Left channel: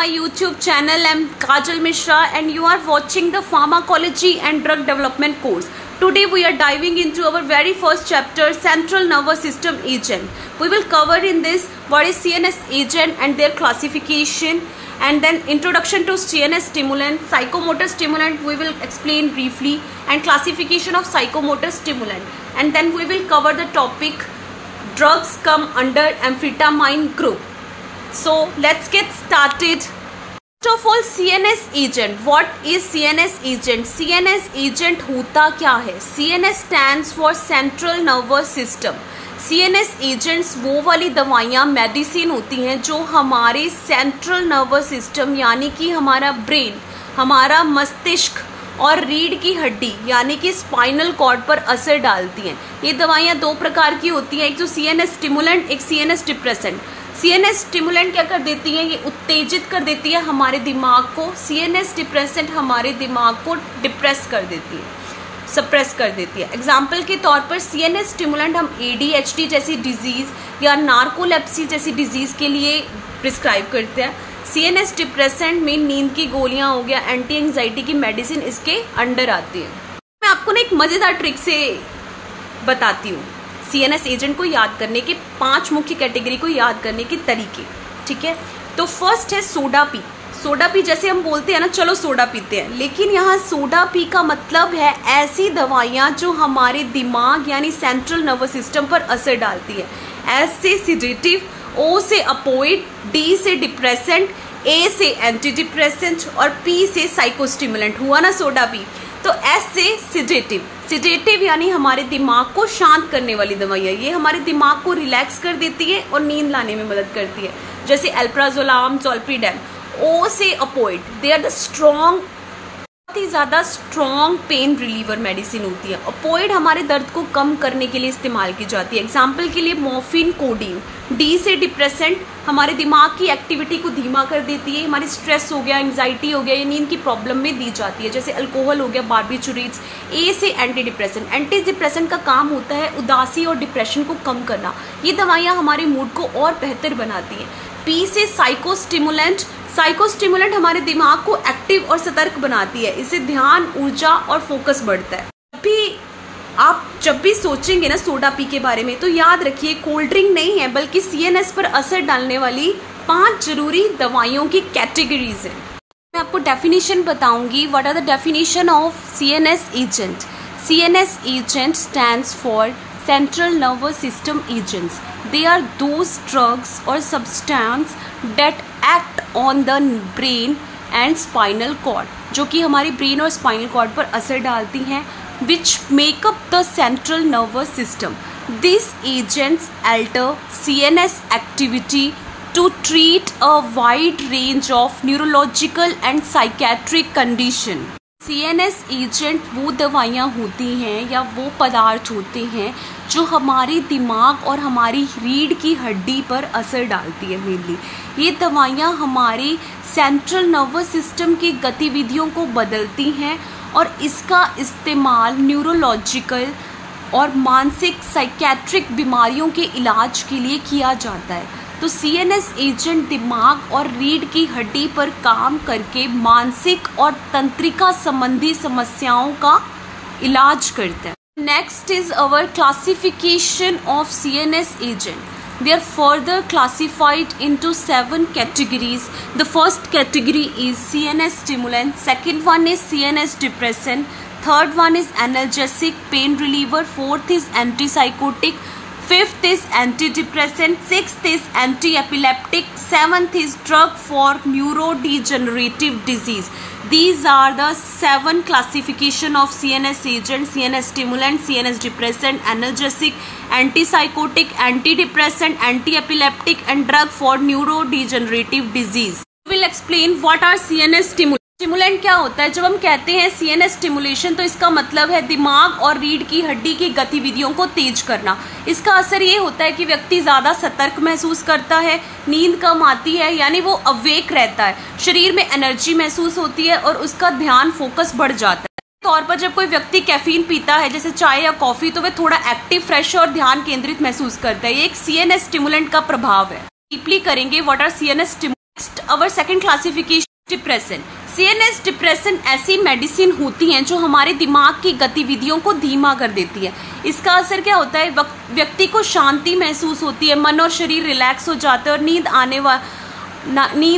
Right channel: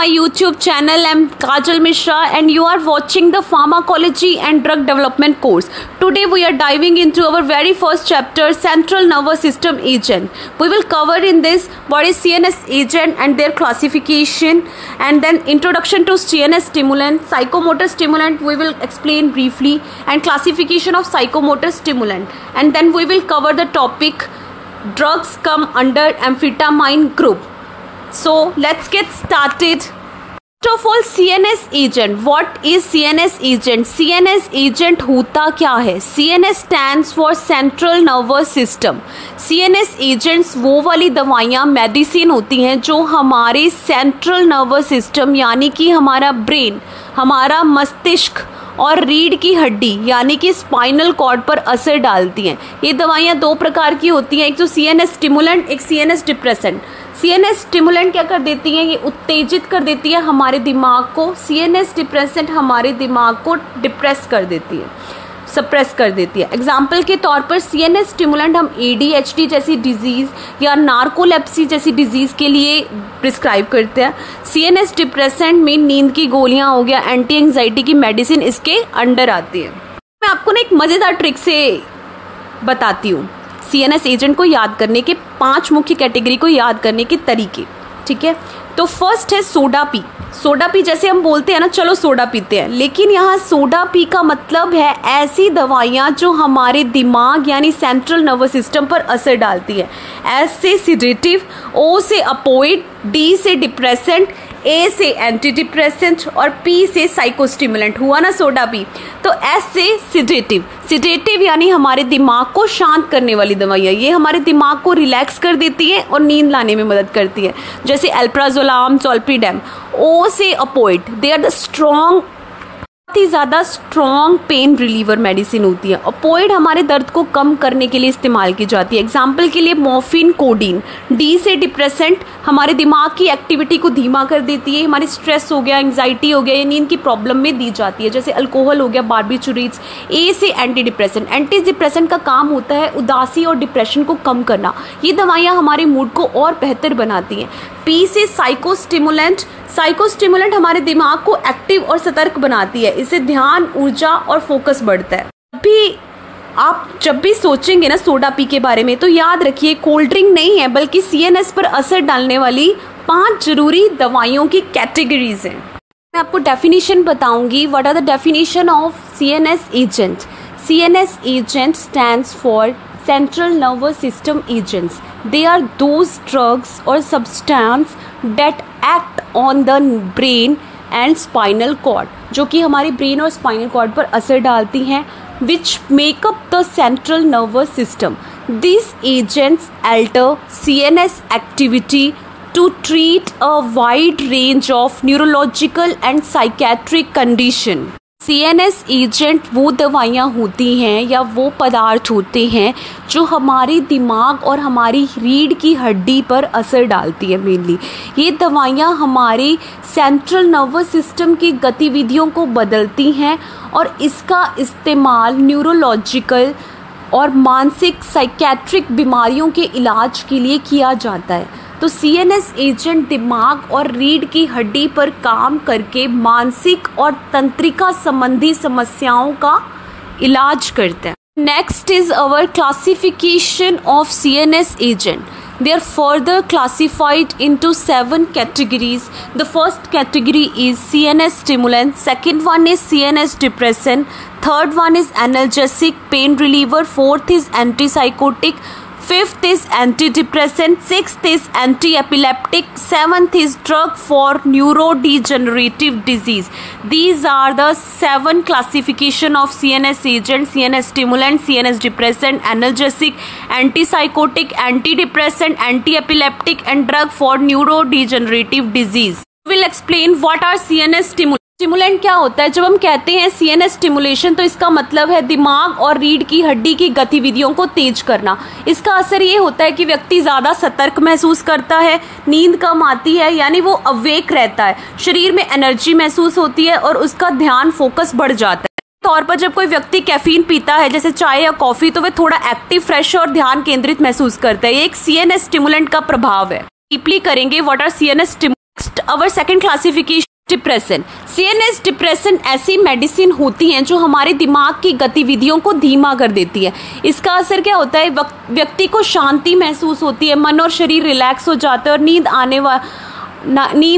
my YouTube channel. I'm Kajal Mishra and you are watching the Pharmacology and Drug Development course. Today we are diving into our very first chapter, Central Nervous System Agent. We will cover in this what is CNS agent and their classification, and then introduction to CNS stimulant, psychomotor stimulant we will explain briefly, and classification of psychomotor stimulant, and then we will cover the topic drugs come under amphetamine group. So let's get started. First of all, CNS agent. What is CNS agent? CNS agent होता क्या है? CNS stands for Central Nervous System. CNS agents वो वाली दवाइयाँ medicine होती हैं जो हमारे सेंट्रल नर्वस सिस्टम यानी कि हमारा ब्रेन, हमारा मस्तिष्क और रीढ़ की हड्डी यानी कि स्पाइनल कॉर्ड पर असर डालती हैं. ये दवाइयाँ दो प्रकार की होती हैं, एक तो CNS स्टिमुलेंट, एक CNS डिप्रेसेंट. CNS स्टिमुलेंट क्या कर देती हैं? ये उत्तेजित कर देती है हमारे दिमाग को. CNS डिप्रेसेंट हमारे दिमाग को डिप्रेस कर देती है, सप्रेस कर देती है. एग्जाम्पल के तौर पर CNS स्टिमुलेंट हम ADHD जैसी डिजीज़ या नार्कोलेप्सी जैसी डिजीज़ के लिए प्रिस्क्राइब करते हैं. CNS डिप्रेसेंट में नींद की गोलियां हो गया, एंटी एंजाइटी की मेडिसिन इसके अंडर आती है. मैं आपको ना एक मज़ेदार ट्रिक से बताती हूँ CNS एजेंट को याद करने के 5 मुख्य कैटेगरी को याद करने के तरीके. ठीक है, तो फर्स्ट है सोडा पी. सोडा पी जैसे हम बोलते हैं ना, चलो सोडा पीते हैं, लेकिन यहाँ सोडा पी का मतलब है ऐसी दवाइयाँ जो हमारे दिमाग यानी सेंट्रल नर्वस सिस्टम पर असर डालती है. एस से सिडेटिव, O से अपोइड, D से डिप्रेसेंट, A से एंटी डिप्रेसेंट और P से साइकोस्टिमुलेंट. हुआ ना सोडा पी. तो S से सिडेटिव. सिडेटिव यानी हमारे दिमाग को शांत करने वाली दवाइयाँ, ये हमारे दिमाग को रिलैक्स कर देती है और नींद लाने में मदद करती है, जैसे एल्प्राजोलाम, ज़ोल्पिडेम. O से अपोइड, दे आर द स्ट्रॉन्ग, बहुत ही ज़्यादा स्ट्रॉन्ग पेन रिलीवर मेडिसिन होती है. अपोइड हमारे दर्द को कम करने के लिए इस्तेमाल की जाती है. एग्जाम्पल के लिए मॉर्फिन, कोडीन. D से डिप्रेसेंट हमारे दिमाग की एक्टिविटी को धीमा कर देती है, हमारी स्ट्रेस हो गया, एंग्जाइटी हो गया या नींद की प्रॉब्लम में दी जाती है, जैसे अल्कोहल हो गया, बार्बिचुरेट्स. A से एंटी डिप्रेसेंट. एंटी डिप्रेसेंट का काम होता है उदासी और डिप्रेशन को कम करना. ये दवाइयाँ हमारे मूड को और बेहतर बनाती हैं. P से साइकोस्टिमुलेंट. साइकोस्टिमुलेंट हमारे दिमाग को एक्टिव और सतर्क बनाती है, इससे ध्यान, ऊर्जा और फोकस बढ़ता है. आप जब भी सोचेंगे ना सोडा पी के बारे में, तो याद रखिए कोल्ड ड्रिंक नहीं है, बल्कि CNS पर असर डालने वाली 5 जरूरी दवाइयों की कैटेगरीज हैं. मैं आपको डेफिनेशन बताऊंगी. What are the definition of CNS agent? CNS agent stands for Central Nervous System agents. They are those drugs or substance that act on the brain and spinal cord, जो कि हमारे brain और spinal cord पर असर डालती हैं, which make up the central nervous system. These agents alter CNS activity to treat a wide range of neurological and psychiatric condition. CNS agent वो दवाइयाँ होती हैं या वो पदार्थ होते हैं जो हमारे दिमाग और हमारी रीढ़ की हड्डी पर असर डालती है. मेनली ये दवाइयाँ हमारे सेंट्रल नर्वस सिस्टम की गतिविधियों को बदलती हैं और इसका इस्तेमाल न्यूरोलॉजिकल और मानसिक साइकेट्रिक बीमारियों के इलाज के लिए किया जाता है. तो CNS एजेंट दिमाग और रीढ़ की हड्डी पर काम करके मानसिक और तंत्रिका संबंधी समस्याओं का इलाज करते हैं. Next is our classification of CNS agent. They are further classified into 7 categories. The first category is CNS stimulant. Second one is CNS depressant. Third one is analgesic, pain reliever. Fourth is antipsychotic. Fifth is antidepressant. Sixth is anti-epileptic. Seventh is drug for neurodegenerative disease. These are the 7 classification of CNS agent: CNS stimulant, CNS depressant, analgesic, antipsychotic, antidepressant, anti-epileptic, and drug for neurodegenerative disease. We will explain what are CNS stimulant. Stimulant क्या होता है? जब हम कहते हैं CNS stimulation, तो इसका मतलब है दिमाग और रीढ़ की हड्डी की गतिविधियों को तेज करना. इसका असर ये होता है कि व्यक्ति ज्यादा सतर्क महसूस करता है, नींद कम आती है यानी वो अवेक रहता है, शरीर में एनर्जी महसूस होती है और उसका ध्यान, फोकस बढ़ जाता है. तौर पर जब कोई व्यक्ति कैफीन पीता है जैसे चाय या कॉफी, तो वह थोड़ा एक्टिव, फ्रेश और ध्यान केंद्रित महसूस करता है. ये एक CNS स्टिमुलेंट का प्रभाव है. डीपली करेंगे what are CNS stimulant. Our second classification, depression. CNS depression ऐसी मेडिसिन होती हैं जो हमारे दिमाग की गतिविधियों को धीमा कर देती है। इसका असर क्या होता है, व्यक्ति को शांति महसूस होती है, मन और शरीर रिलैक्स हो जाता है और नींद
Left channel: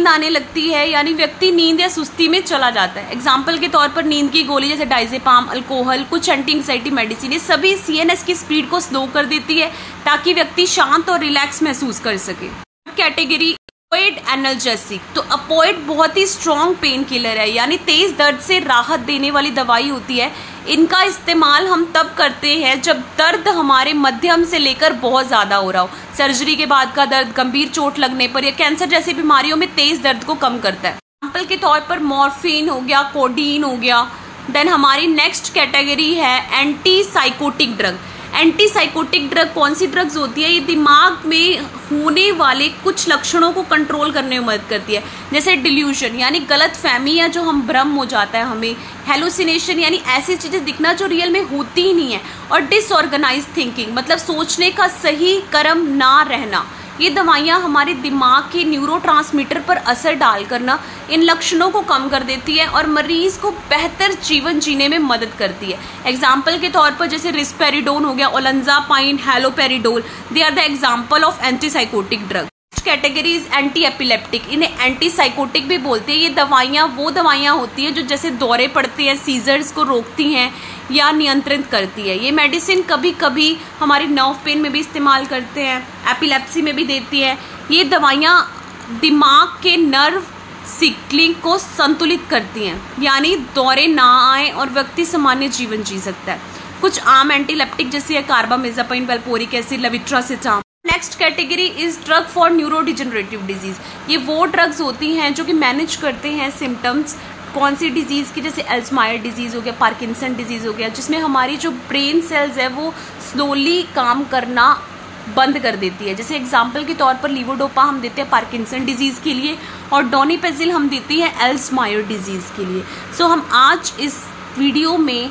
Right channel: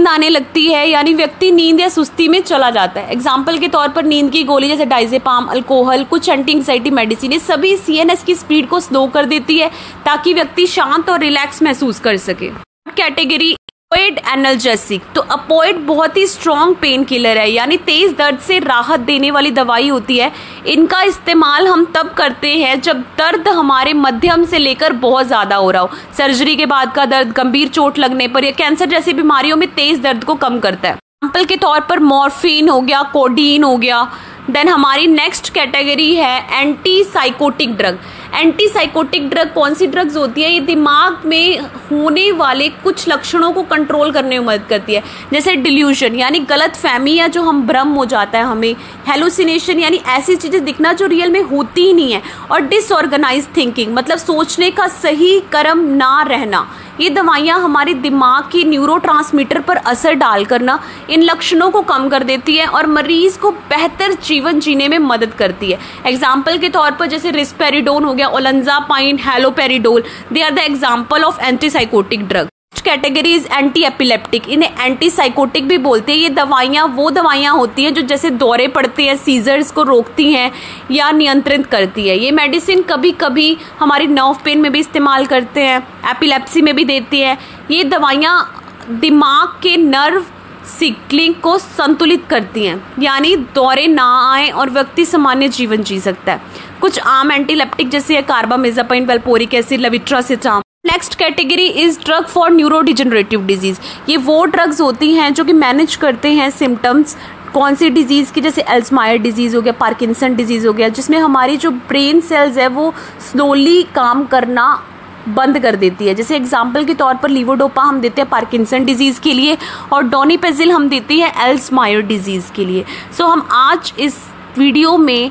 आने लगती है, यानी व्यक्ति नींद या सुस्ती में चला जाता है। एग्जाम्पल के तौर पर नींद की गोली जैसे डाइजेपाम, अल्कोहल, कुछ एंटी एंग्जाइटी मेडिसिन, ये सभी सीएनएस की स्पीड को स्लो कर देती है ताकि व्यक्ति शांत और रिलैक्स महसूस कर सके। Category opioid analgesic. तो ऑपोइड बहुत ही स्ट्रॉन्ग पेन किलर है, यानी तेज दर्द से राहत देने वाली दवाई होती है। इनका इस्तेमाल हम तब करते हैं जब दर्द हमारे मध्यम से लेकर बहुत ज्यादा हो रहा हो। सर्जरी के बाद का दर्द, गंभीर चोट लगने पर या कैंसर जैसी बीमारियों में तेज दर्द को कम करता है। एग्जाम्पल के तौर पर मॉर्फिन हो गया, कोडीन हो गया। देन हमारी नेक्स्ट कैटेगरी है anti psychotic drug. Anti psychotic drug कौन सी ड्रग्स होती है, ये दिमाग में होने वाले कुछ लक्षणों को कंट्रोल करने में मदद करती है, जैसे डिल्यूजन यानी गलत फहमी या जो हम भ्रम हो जाता है हमें, हेलुसिनेशन यानी ऐसी चीजें दिखना जो रियल में होती ही नहीं है, और डिसऑर्गेनाइज थिंकिंग मतलब सोचने का सही क्रम ना रहना। ये दवाइयाँ हमारे दिमाग की न्यूरोट्रांसमीटर पर असर डालकर ना इन लक्षणों को कम कर देती है और मरीज को बेहतर जीवन जीने में मदद करती है। एग्जाम्पल के तौर पर जैसे रिस्पेरिडोन हो गया, olanzapine, haloperidol, they are the example of antipsychotic drug. Category is anti epileptic. इन्हें एंटी साइकोटिक भी बोलते हैं। ये दवाइयाँ वो दवाइयाँ होती हैं जो जैसे दौरे पड़ते हैं, सीजर्स को रोकती हैं या नियंत्रित करती है। ये मेडिसिन कभी कभी हमारी नर्व पेन में भी इस्तेमाल करते हैं, एपिलेप्सी में भी देती है। ये दवाइयाँ दिमाग के नर्व सिग्नलिंग को संतुलित करती हैं, यानी दौरे ना आए और व्यक्ति सामान्य जीवन जी सकता है। कुछ आम एंटीलेप्टिक जैसे carbamazepine, valproic acid, levetiracetam. Next category is drug for neurodegenerative disease. ये वो ड्रग्स होती हैं जो कि मैनेज करते हैं सिम्टम्स कौन सी डिजीज की, जैसे अल्जाइमर डिजीज हो गया, पार्किंसन डिजीज हो गया, जिसमें हमारी जो ब्रेन सेल्स है वो स्लोली काम करना बंद कर देती है। जैसे एग्जाम्पल के तौर पर लीवोडोपा हम देते हैं पार्किंसन डिजीज के लिए और डोनिपेजिल हम देती है अल्जाइमर डिजीज के लिए। सो हम आज इस वीडियो में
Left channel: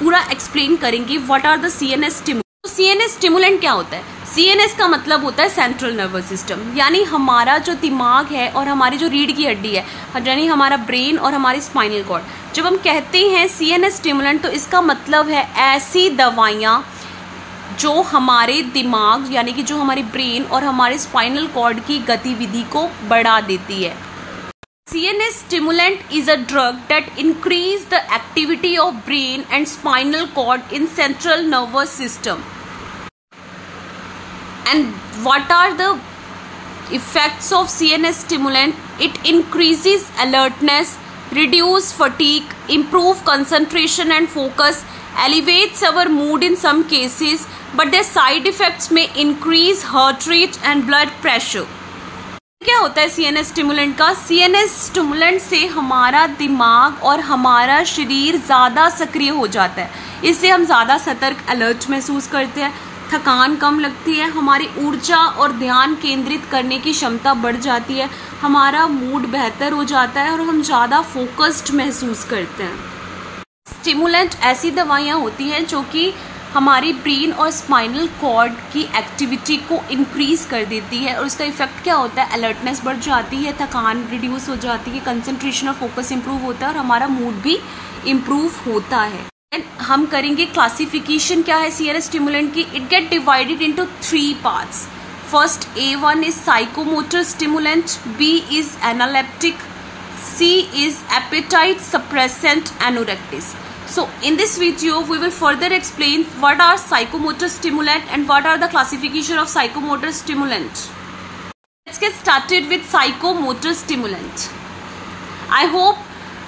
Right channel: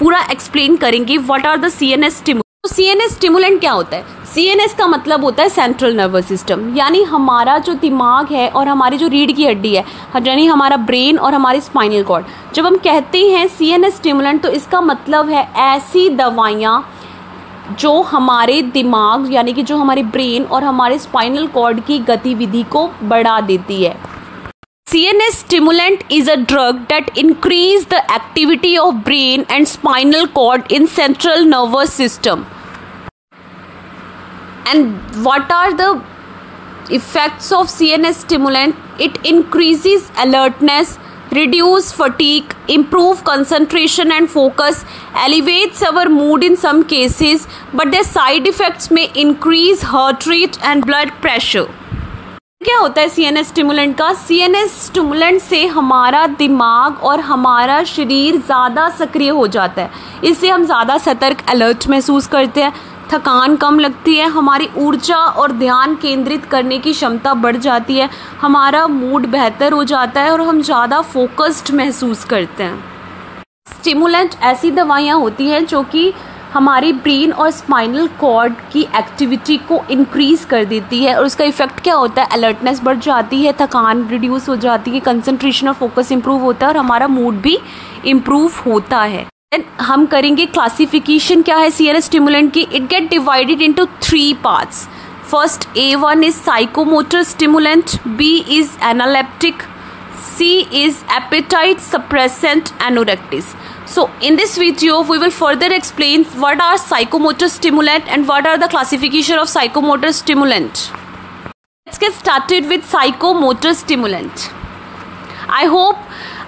पूरा एक्सप्लेन करेंगे what are the CNS stimulant. CNS stimulant क्या होता है? सीएनएस का मतलब होता है सेंट्रल नर्वस सिस्टम, यानी हमारा जो दिमाग है और हमारी जो रीढ़ की हड्डी है, यानी हमारा ब्रेन और हमारी स्पाइनल कॉर्ड। जब हम कहते हैं सीएनएस स्टिमुलेंट तो इसका मतलब है ऐसी दवाइयाँ जो हमारे दिमाग यानी कि जो हमारे ब्रेन और हमारे स्पाइनल कॉर्ड की गतिविधि को बढ़ा देती है। CNS stimulant is a drug that increase the activity of brain and spinal cord in central nervous system. And what are the effects of CNS stimulant? It increases alertness, reduce fatigue, improve concentration and focus, elevates our mood in some cases, but their side effects may increase heart rate and blood pressure. क्या होता है CNS stimulant का? CNS stimulant से हमारा दिमाग और हमारा शरीर ज़्यादा सक्रिय हो जाता है। इससे हम ज़्यादा सतर्क, अलर्ट महसूस करते हैं, थकान कम लगती है, हमारी ऊर्जा और ध्यान केंद्रित करने की क्षमता बढ़ जाती है, हमारा मूड बेहतर हो जाता है और हम ज़्यादा फोकस्ड महसूस करते हैं। स्टिमुलेंट ऐसी दवाइयाँ होती हैं जो कि हमारी ब्रेन और स्पाइनल कॉर्ड की एक्टिविटी को इंक्रीज कर देती है और उसका इफेक्ट क्या होता है? अलर्टनेस बढ़ जाती है, थकान रिड्यूस हो जाती है, कंसंट्रेशन और फोकस इंप्रूव होता है और हमारा मूड भी इम्प्रूव होता है। हम करेंगे क्लासिफिकेशन क्या है सीएनएस स्टिमुलेंट की। It get divided into 3 parts. First A1 is psychomotor stimulant, B is analeptic, C is appetite suppressant anorectics. So in this video we will further explain what are psychomotor stimulant and what are the classification of psychomotor stimulant. Let's get started with psychomotor stimulant. I hope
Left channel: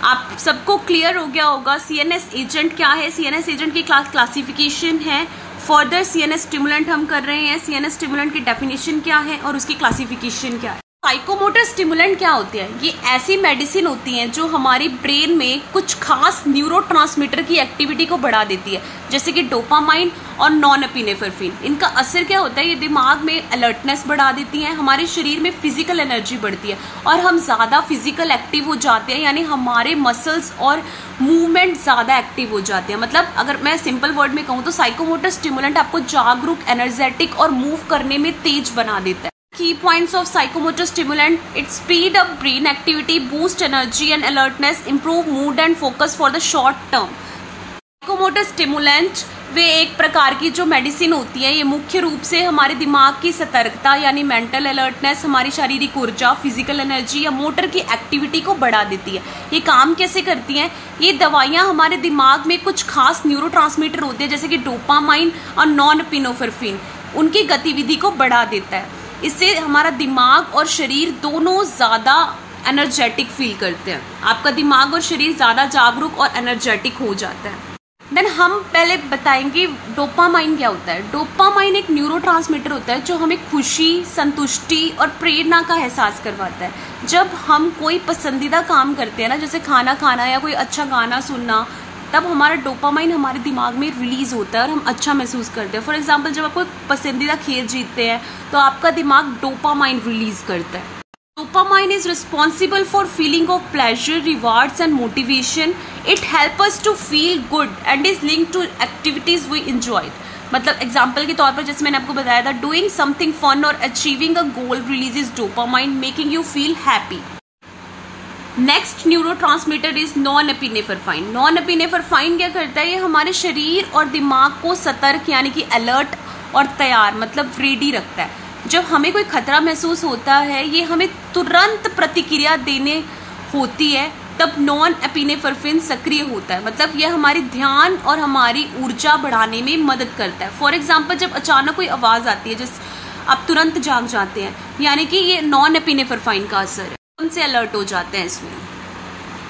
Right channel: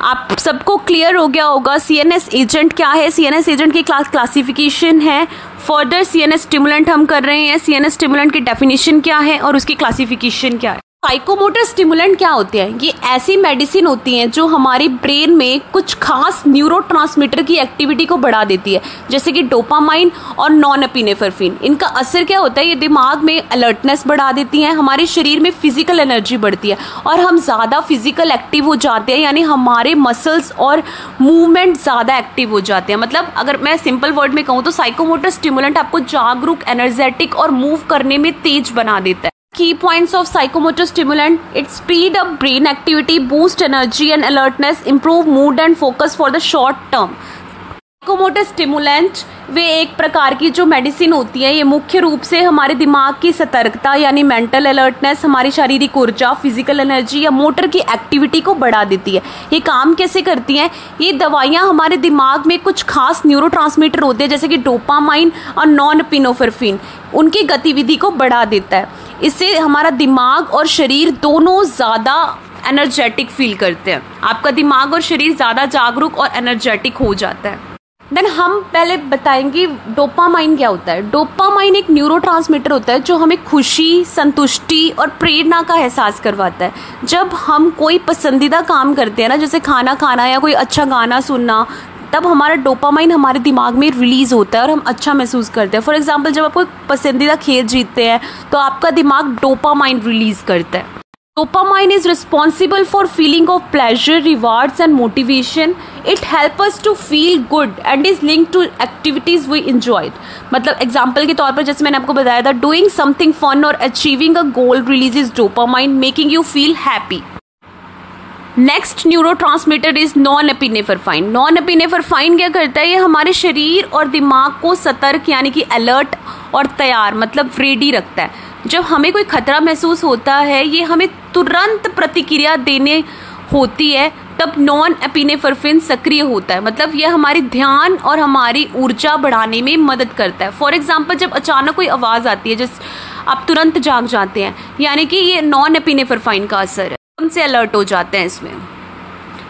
आप सबको clear हो गया होगा CNS agent क्या है, CNS agent की classification है। Further CNS stimulant हम कर रहे हैं, सीएनएस स्टिमुलेंट की डेफिनेशन क्या है और उसकी क्लासिफिकेशन क्या है। साइकोमोटर स्टिमुलेंट क्या होते हैं? ये ऐसी मेडिसिन होती हैं जो हमारी ब्रेन में कुछ खास न्यूरोट्रांसमीटर की एक्टिविटी को बढ़ा देती है, जैसे कि डोपामाइन और नॉरएपिनेफ्रिन। इनका असर क्या होता है? ये दिमाग में अलर्टनेस बढ़ा देती हैं, हमारे शरीर में फिजिकल एनर्जी बढ़ती है और हम ज़्यादा फिजिकल एक्टिव हो जाते हैं, यानी हमारे मसल्स और मूवमेंट ज़्यादा एक्टिव हो जाते हैं। मतलब अगर मैं सिंपल वर्ड में कहूँ तो साइकोमोटर स्टिमुलेंट आपको जागरूक, एनर्जेटिक और मूव करने में तेज बना देता है। Key points of psychomotor stimulant: it speed up brain activity, boost energy and alertness, improve mood and focus for the short term. Psychomotor stimulant वे एक प्रकार की जो मेडिसिन होती है, ये मुख्य रूप से हमारे दिमाग की सतर्कता यानी मेंटल अलर्टनेस, हमारी शारीरिक ऊर्जा, फिजिकल एनर्जी या मोटर की एक्टिविटी को बढ़ा देती है। ये काम कैसे करती हैं? ये दवाइयाँ हमारे दिमाग में कुछ खास न्यूरोट्रांसमीटर होते हैं जैसे कि डोपामाइन और नॉरएपिनेफ्रिन, उनकी गतिविधि को बढ़ा देता है। इससे हमारा दिमाग और शरीर दोनों ज़्यादा एनर्जेटिक फील करते हैं। आपका दिमाग और शरीर ज़्यादा जागरूक और एनर्जेटिक हो जाता है। देन हम पहले बताएंगे डोपामाइन क्या होता है। डोपामाइन एक न्यूरोट्रांसमीटर होता है जो हमें खुशी, संतुष्टि और प्रेरणा का एहसास करवाता है। जब हम कोई पसंदीदा काम करते हैं ना, जैसे खाना खाना या कोई अच्छा गाना सुनना, तब हमारा डोपामाइन हमारे दिमाग में रिलीज होता है और हम अच्छा महसूस करते हैं। फॉर एग्जाम्पल, जब आप कोई पसंदीदा खेल जीतते हैं तो आपका दिमाग डोपामाइन रिलीज करता है। Dopamine is responsible for feeling of pleasure, rewards and motivation. It helps us to feel good and is linked to activities we enjoyed. मतलब एग्जाम्पल के तौर पर जैसे मैंने आपको बताया था, doing something fun or achieving a goal releases dopamine, making you feel happy. Next neurotransmitter is norepinephrine. Norepinephrine क्या करता है? ये हमारे शरीर और दिमाग को सतर्क यानी कि अलर्ट और तैयार मतलब रेडी रखता है। जब हमें कोई खतरा महसूस होता है, ये हमें तुरंत प्रतिक्रिया देने होती है, तब नॉरएपिनेफ्रिन सक्रिय होता है। मतलब यह हमारी ध्यान और हमारी ऊर्जा बढ़ाने में मदद करता है। फॉर एग्जाम्पल, जब अचानक कोई आवाज आती है जिस आप तुरंत जाग जाते हैं, यानी कि ये नॉरएपिनेफ्रिन का असर है, हमसे अलर्ट हो जाते हैं इसमें।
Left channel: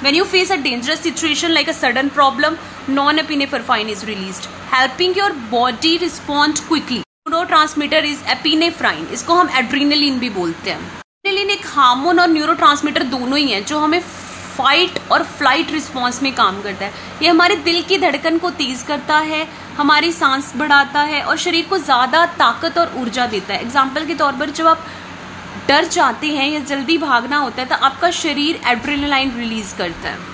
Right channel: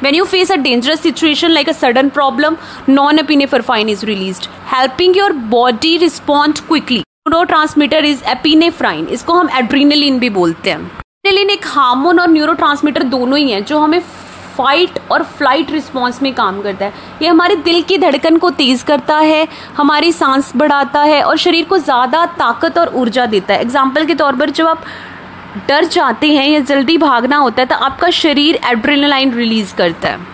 When you face a dangerous situation like a sudden problem, norepinephrine is released, helping your body respond quickly. Neurotransmitter is epinephrine, इसको हम एड्रेनलिन भी बोलते हैं। एड्रेनलिन एक हार्मोन और न्यूरोट्रांसमीटर दोनों ही हैं जो हमें फाइट और फ्लाइट रिस्पॉन्स में काम करता है। ये हमारे दिल की धड़कन को तेज करता है, हमारी सांस बढ़ाता है और शरीर को ज्यादा ताकत और ऊर्जा देता है। एग्जाम्पल के तौर पर, जब आप डर जाते हैं या जल्दी भागना होता है तो आपका शरीर एड्रेनलाइन रिलीज करता है।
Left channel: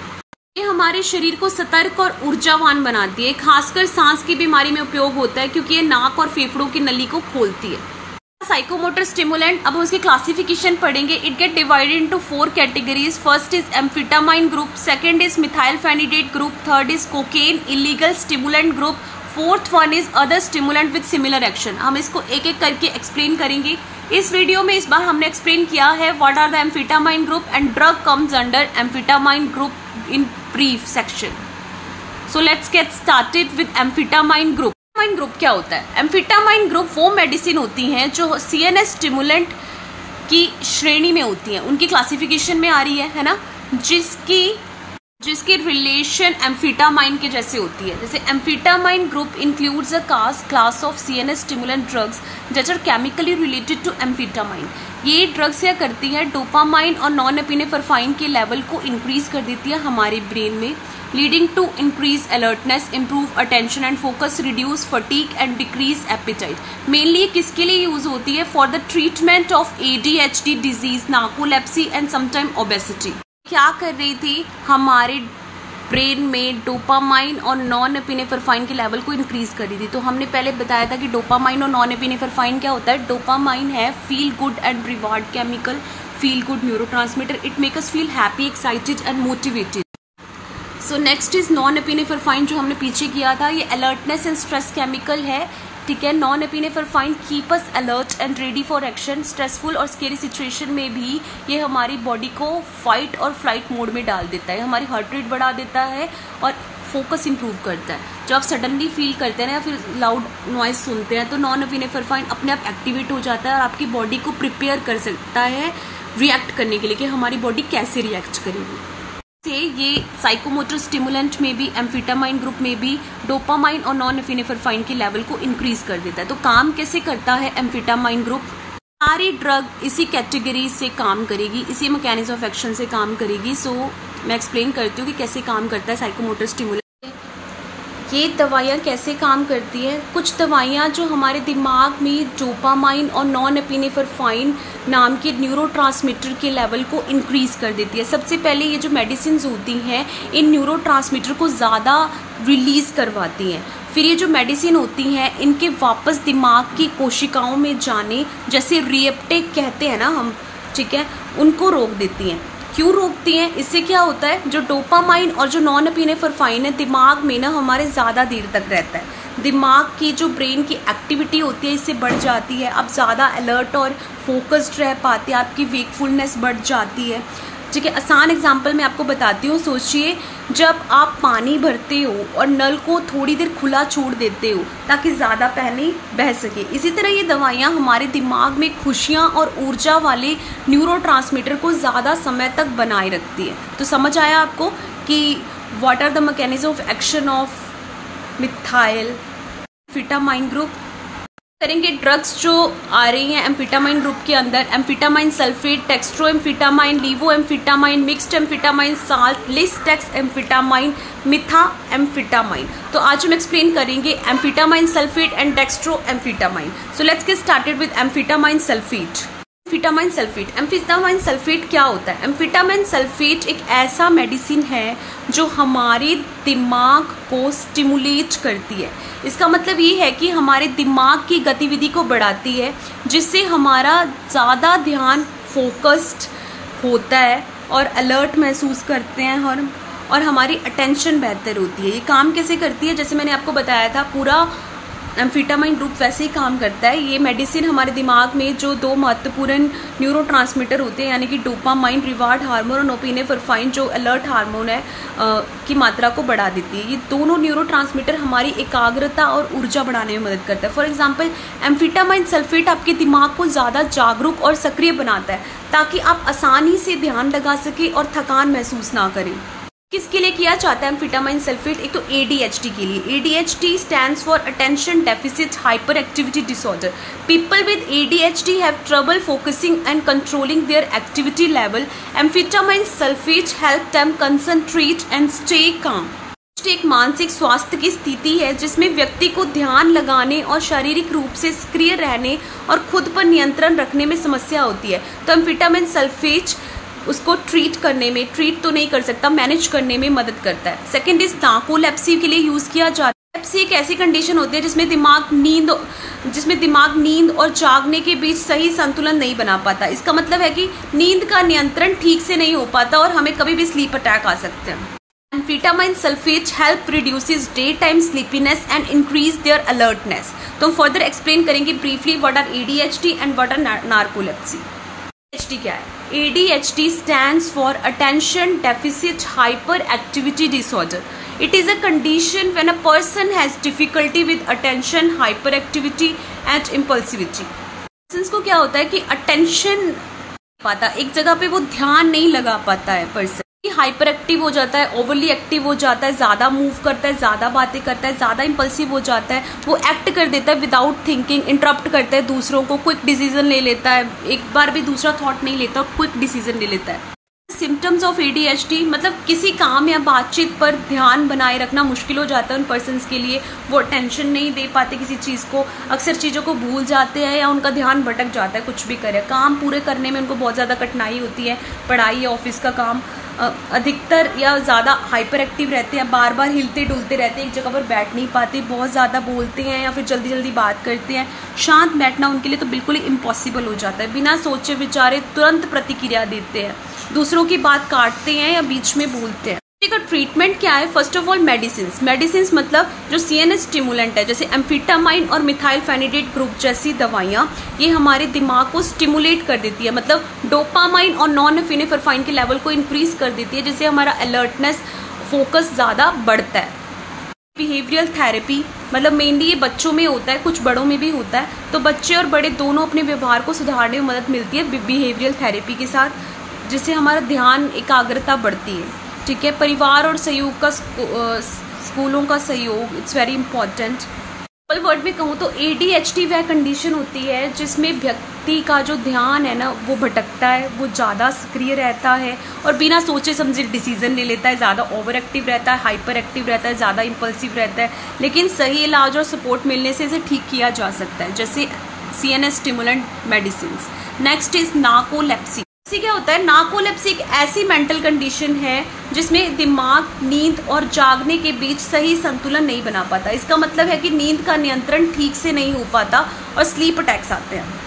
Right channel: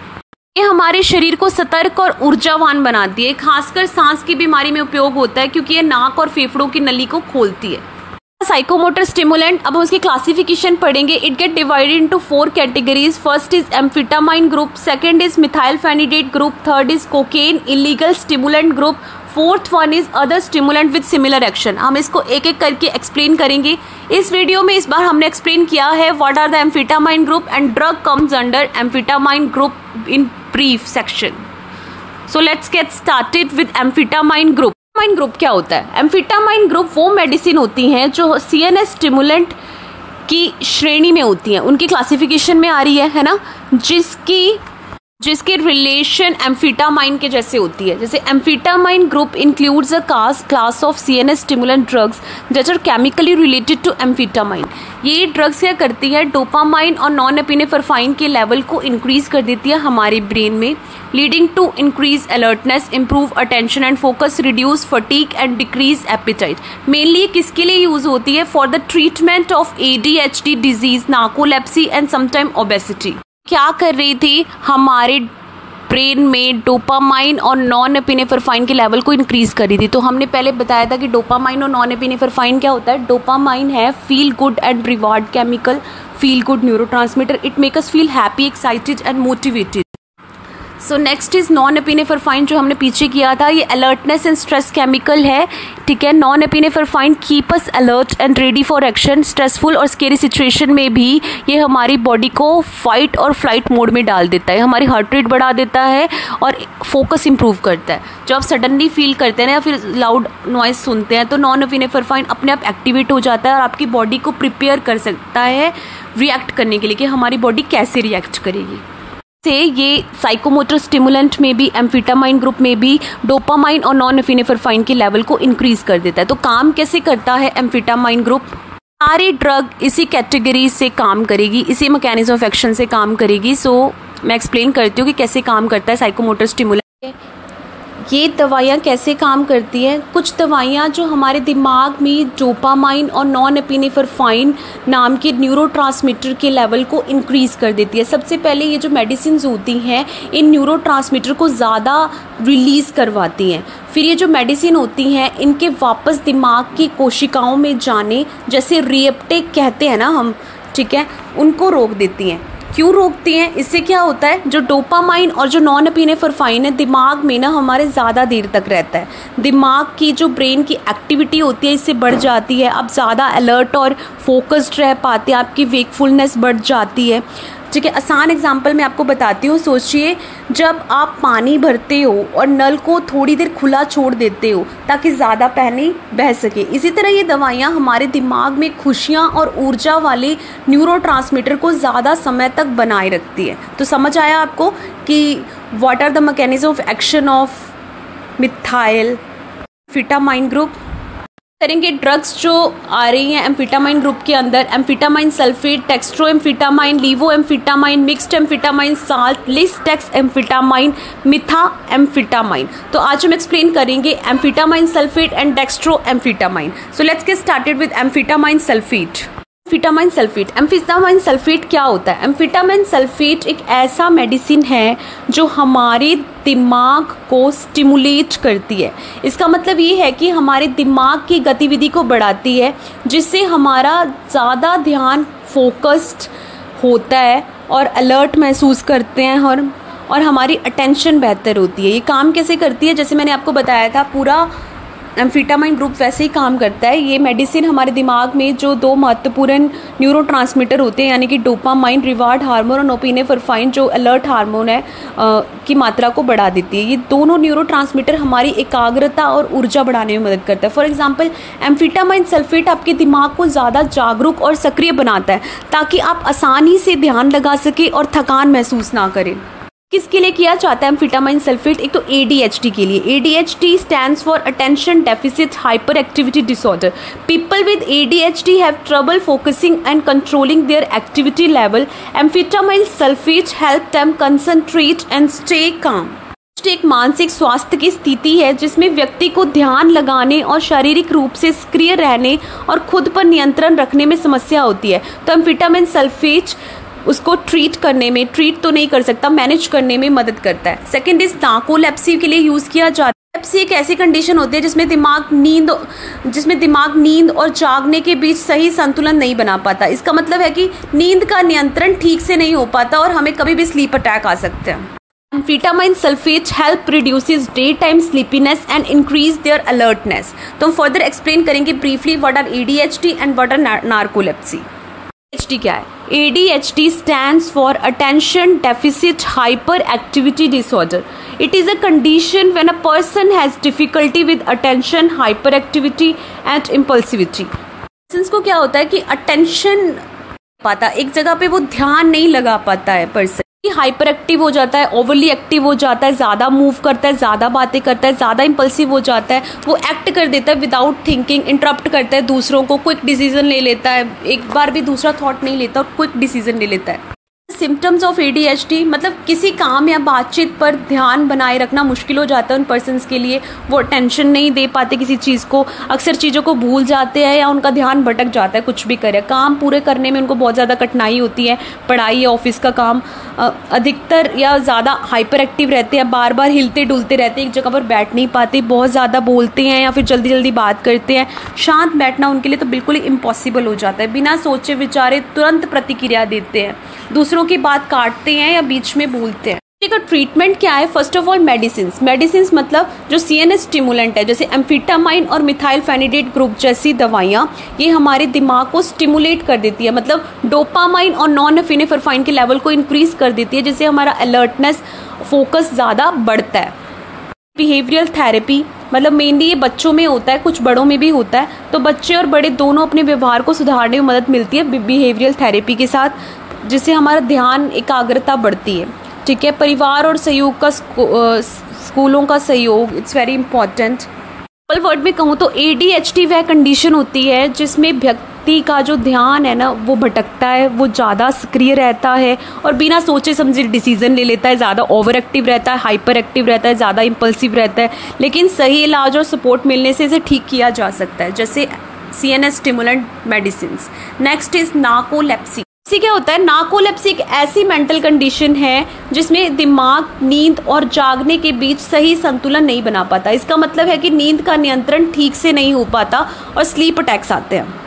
ये हमारे शरीर को सतर्क और ऊर्जावान बनाती है। खासकर सांस की बीमारी में उपयोग होता है क्योंकि ये नाक और फेफड़ों की नली को खोलती है। साइकोमोटर स्टिमुलेंट, अब हम उसकी क्लासिफिकेशन पढ़ेंगे। It get divided into 4 categories. First is amphetamine group, second is methylphenidate group, third is cocaine illegal stimulant group, fourth one is other stimulant with similar action. हम इसको एक एक करके एक्सप्लेन करेंगे। इस वीडियो में इस बार हमने एक्सप्लेन किया है what are the amphetamine group and drug comes under amphetamine group in brief section. So let's get started with amphetamine group. Amphetamine group क्या होता है? एम्फेटामाइन ग्रुप वो मेडिसिन होती हैं जो सीएनएस स्टिमुलेंट की श्रेणी में होती हैं, उनकी क्लासिफिकेशन में आ रही है ना, जिसके रिलेशन एम्फेटामाइन के जैसे होती है। जैसे amphetamine group includes a class of CNS stimulant drugs that are chemically related to amphetamine. ये ड्रग्स क्या करती है? डोपामाइन और नॉरएपिनेफ्रिन के लेवल को इंक्रीज कर देती है हमारे ब्रेन में, leading to increase alertness, improve attention and focus, reduce fatigue and decrease appetite. Mainly किसके लिए यूज होती है? For the treatment of ADHD disease, narcolepsy and sometime obesity. क्या कर रही थी? हमारे ब्रेन में डोपामाइन और नॉरएपिनेफ्रिन के लेवल को इंक्रीज कर रही थी। तो हमने पहले बताया था कि डोपामाइन और नॉरएपिनेफ्रिन क्या होता है। डोपामाइन है feel good and reward chemical, feel good neurotransmitter. It make us feel happy, excited and motivated. So next is norepinephrine, जो हमने पीछे किया था। ये अलर्टनेस एंड स्ट्रेस केमिकल है, ठीक है। Norepinephrine keep us alert and ready for action. Stressful और स्केरी सिचुएशन में भी ये हमारी बॉडी को फाइट और फ्लाइट मोड में डाल देता है, हमारी हार्ट रेट बढ़ा देता है और फोकस इंप्रूव करता है। जब आप सडनली फील करते हैं या फिर लाउड नॉइज सुनते हैं तो नॉरएपिनेफ्रिन अपने आप एक्टिवेट हो जाता है और आपकी बॉडी को प्रिपेयर कर सकता है रिएक्ट करने के लिए कि हमारी बॉडी कैसे रिएक्ट करेगी। से ये साइकोमोटर स्टिमुलेंट में भी, एम्फेटामाइन ग्रुप में भी डोपामाइन और नॉरएपिनेफ्रिन के लेवल को इंक्रीज कर देता है। तो काम कैसे करता है एम्फेटामाइन ग्रुप? सारी ड्रग इसी कैटेगरी से काम करेगी, इसी मैकेनिज्म ऑफ एक्शन से काम करेगी। सो मैं एक्सप्लेन करती हूँ कि कैसे काम करता है साइकोमोटर स्टिमुलेंट। ये दवाइयाँ कैसे काम करती हैं? कुछ दवाइयाँ जो हमारे दिमाग में डोपामाइन और नॉरएपिनेफ्रिन नाम के न्यूरोट्रांसमीटर के लेवल को इंक्रीज कर देती है। सबसे पहले ये जो मेडिसिन होती हैं इन न्यूरोट्रांसमीटर को ज़्यादा रिलीज करवाती हैं। फिर ये जो मेडिसिन होती हैं इनके वापस दिमाग की कोशिकाओं में जाने, जैसे रिएप्टेक कहते हैं ना हम, ठीक है, उनको रोक देती हैं। क्यों रोकती हैं? इससे क्या होता है, जो डोपामाइन और जो नॉन एपिनेफ्राइन है दिमाग में ना हमारे ज़्यादा देर तक रहता है। दिमाग की जो ब्रेन की एक्टिविटी होती है इससे बढ़ जाती है, आप ज़्यादा अलर्ट और फोकस्ड रह पाते हैं, आपकी वेकफुलनेस बढ़ जाती है, ठीक है। आसान एग्जांपल मैं आपको बताती हूँ। सोचिए जब आप पानी भरते हो और नल को थोड़ी देर खुला छोड़ देते हो ताकि ज़्यादा पानी बह सके, इसी तरह ये दवाइयाँ हमारे दिमाग में खुशियाँ और ऊर्जा वाले न्यूरोट्रांसमीटर को ज़्यादा समय तक बनाए रखती है। तो समझ आया आपको कि what are the mechanism of action of methyl amphetamine group. करेंगे ड्रग्स जो आ रही हैं एम्फेटामाइन ग्रुप के अंदर, amphetamine sulphate, dextroamphetamine, levoamphetamine, mixed amphetamine salt, lisdexamfetamine, methamphetamine. तो आज हम एक्सप्लेन करेंगे amphetamine sulphate and dextroamphetamine. So let's get started with amphetamine sulphate. Amphetamine sulphate क्या होता है? एम्फेटामाइन सल्फेट एक ऐसा मेडिसिन है जो हमारे दिमाग को स्टिमुलेट करती है। इसका मतलब ये है कि हमारे दिमाग की गतिविधि को बढ़ाती है, जिससे हमारा ज़्यादा ध्यान फोकस्ड होता है और अलर्ट महसूस करते हैं और हमारी अटेंशन बेहतर होती है। ये काम कैसे करती है? जैसे मैंने आपको बताया था, पूरा एम्फेटामाइन ग्रुप वैसे ही काम करता है। ये मेडिसिन हमारे दिमाग में जो दो महत्वपूर्ण न्यूरोट्रांसमीटर होते हैं, यानी कि डोपामाइन रिवार्ड हार्मोन और नोपिनेफ्राइन जो अलर्ट हार्मोन है की मात्रा को बढ़ा देती है। ये दोनों न्यूरोट्रांसमीटर हमारी एकाग्रता और ऊर्जा बढ़ाने में मदद करता है। फॉर एग्जांपल एम्फेटामाइन सल्फेट आपके दिमाग को ज़्यादा जागरूक और सक्रिय बनाता है ताकि आप आसानी से ध्यान लगा सके और थकान महसूस ना करें। किसके लिए किया जाता है एम्फेटामाइन सल्फेट? एक तो ADHD के लिए। ADHD stands for Attention Deficit Hyperactivity Disorder. People with ADHD have trouble focusing and controlling their activity level. Amphetamine sulfate help them concentrate and stay calm. एक मानसिक स्वास्थ्य की स्थिति है जिसमें व्यक्ति को ध्यान लगाने और शारीरिक रूप से सक्रिय रहने और खुद पर नियंत्रण रखने में समस्या होती है। तो एम्फेटामाइन सल्फेट उसको ट्रीट तो नहीं कर सकता, मैनेज करने में मदद करता है। सेकंड इज नार्कोलेप्सी के लिए यूज किया जाता है। लेप्सी एक ऐसी कंडीशन होती है जिसमें दिमाग नींद और जागने के बीच सही संतुलन नहीं बना पाता। इसका मतलब है कि नींद का नियंत्रण ठीक से नहीं हो पाता और हमें कभी भी स्लीप अटैक आ सकते हैं। Amphetamine sulphate help reduces day time sleepiness and increase their alertness. तो हम फर्दर एक्सप्लेन करेंगे briefly what are ADHD and what are narcolepsy. ADHD क्या है? ADHD stands for Attention Deficit Hyperactivity Disorder. It is a condition when a person has difficulty with attention, hyperactivity and impulsivity. Persons को क्या होता है कि attention पाता, एक जगह पे वो ध्यान नहीं लगा पाता है, पर्सन हाइपर एक्टिव हो जाता है, ओवरली एक्टिव हो जाता है, ज़्यादा मूव करता है, ज़्यादा बातें करता है, ज़्यादा इम्पल्सिव हो जाता है, वो एक्ट कर देता है विदाउट थिंकिंग, इंटरप्ट करता है दूसरों को, क्विक डिसीजन ले लेता है, एक बार भी दूसरा थॉट नहीं लेता, क्विक डिसीजन ले लेता है। सिम्टम्स ऑफ ADHD मतलब किसी काम या बातचीत पर ध्यान बनाए रखना मुश्किल हो जाता है उन पर्सन्स के लिए। वो अटेंशन नहीं दे पाते किसी चीज़ को, अक्सर चीज़ों को भूल जाते हैं या उनका ध्यान भटक जाता है, कुछ भी करे। काम पूरे करने में उनको बहुत ज़्यादा कठिनाई होती है, पढ़ाई या ऑफिस का काम। अधिकतर या ज़्यादा हाइपर एक्टिव रहते हैं, बार बार हिलते डुलते रहते हैं, एक जगह पर बैठ नहीं पाते, बहुत ज़्यादा बोलते हैं या फिर जल्दी जल्दी बात करते हैं। शांत बैठना उनके लिए तो बिल्कुल ही इम्पॉसिबल हो जाता है। बिना सोचे विचारे तुरंत प्रतिक्रिया देते हैं, दूसरों की बात काटते हैं या बीच में बोलते हैं। इसका ट्रीटमेंट क्या है? फर्स्ट ऑफ ऑल मेडिसिन मतलब जो CNS स्टिमुलेंट है, जैसे एम्फेटामाइन और मिथाइलफेनिडेट ग्रुप जैसी दवाइयाँ, ये हमारे दिमाग को स्टिमुलेट कर देती है, मतलब डोपामाइन और नॉन एपिनेफ्राइन के लेवल को इंक्रीज कर देती है, जिससे हमारा अलर्टनेस, फोकस ज़्यादा बढ़ता है। बिहेवियरल थेरेपी मतलब मेनली ये बच्चों में होता है, कुछ बड़ों में भी होता है। तो बच्चे और बड़े दोनों अपने व्यवहार को सुधारने में मदद मिलती है बिहेवियरल थेरेपी के साथ, जिससे हमारा ध्यान, एकाग्रता बढ़ती है। ठीक है, परिवार और सहयोग का, स्कूलों का सहयोग, it's very important. Simple word में कहूँ तो ADHD वह कंडीशन होती है जिसमें व्यक्ति का जो ध्यान है ना वो भटकता है, वो ज़्यादा सक्रिय रहता है और बिना सोचे समझे डिसीजन ले लेता है, ज़्यादा ओवर एक्टिव रहता है, हाइपर एक्टिव रहता है, ज़्यादा इम्पल्सिव रहता है। लेकिन सही इलाज और सपोर्ट मिलने से इसे ठीक किया जा सकता है, जैसे CNS stimulant medicine. Next is narcolepsy. क्या होता है, नार्कोलेप्सी एक ऐसी मेंटल कंडीशन है जिसमें दिमाग नींद और जागने के बीच सही संतुलन नहीं बना पाता। इसका मतलब है कि नींद का नियंत्रण ठीक से नहीं हो पाता और स्लीप अटैक्स आते हैं।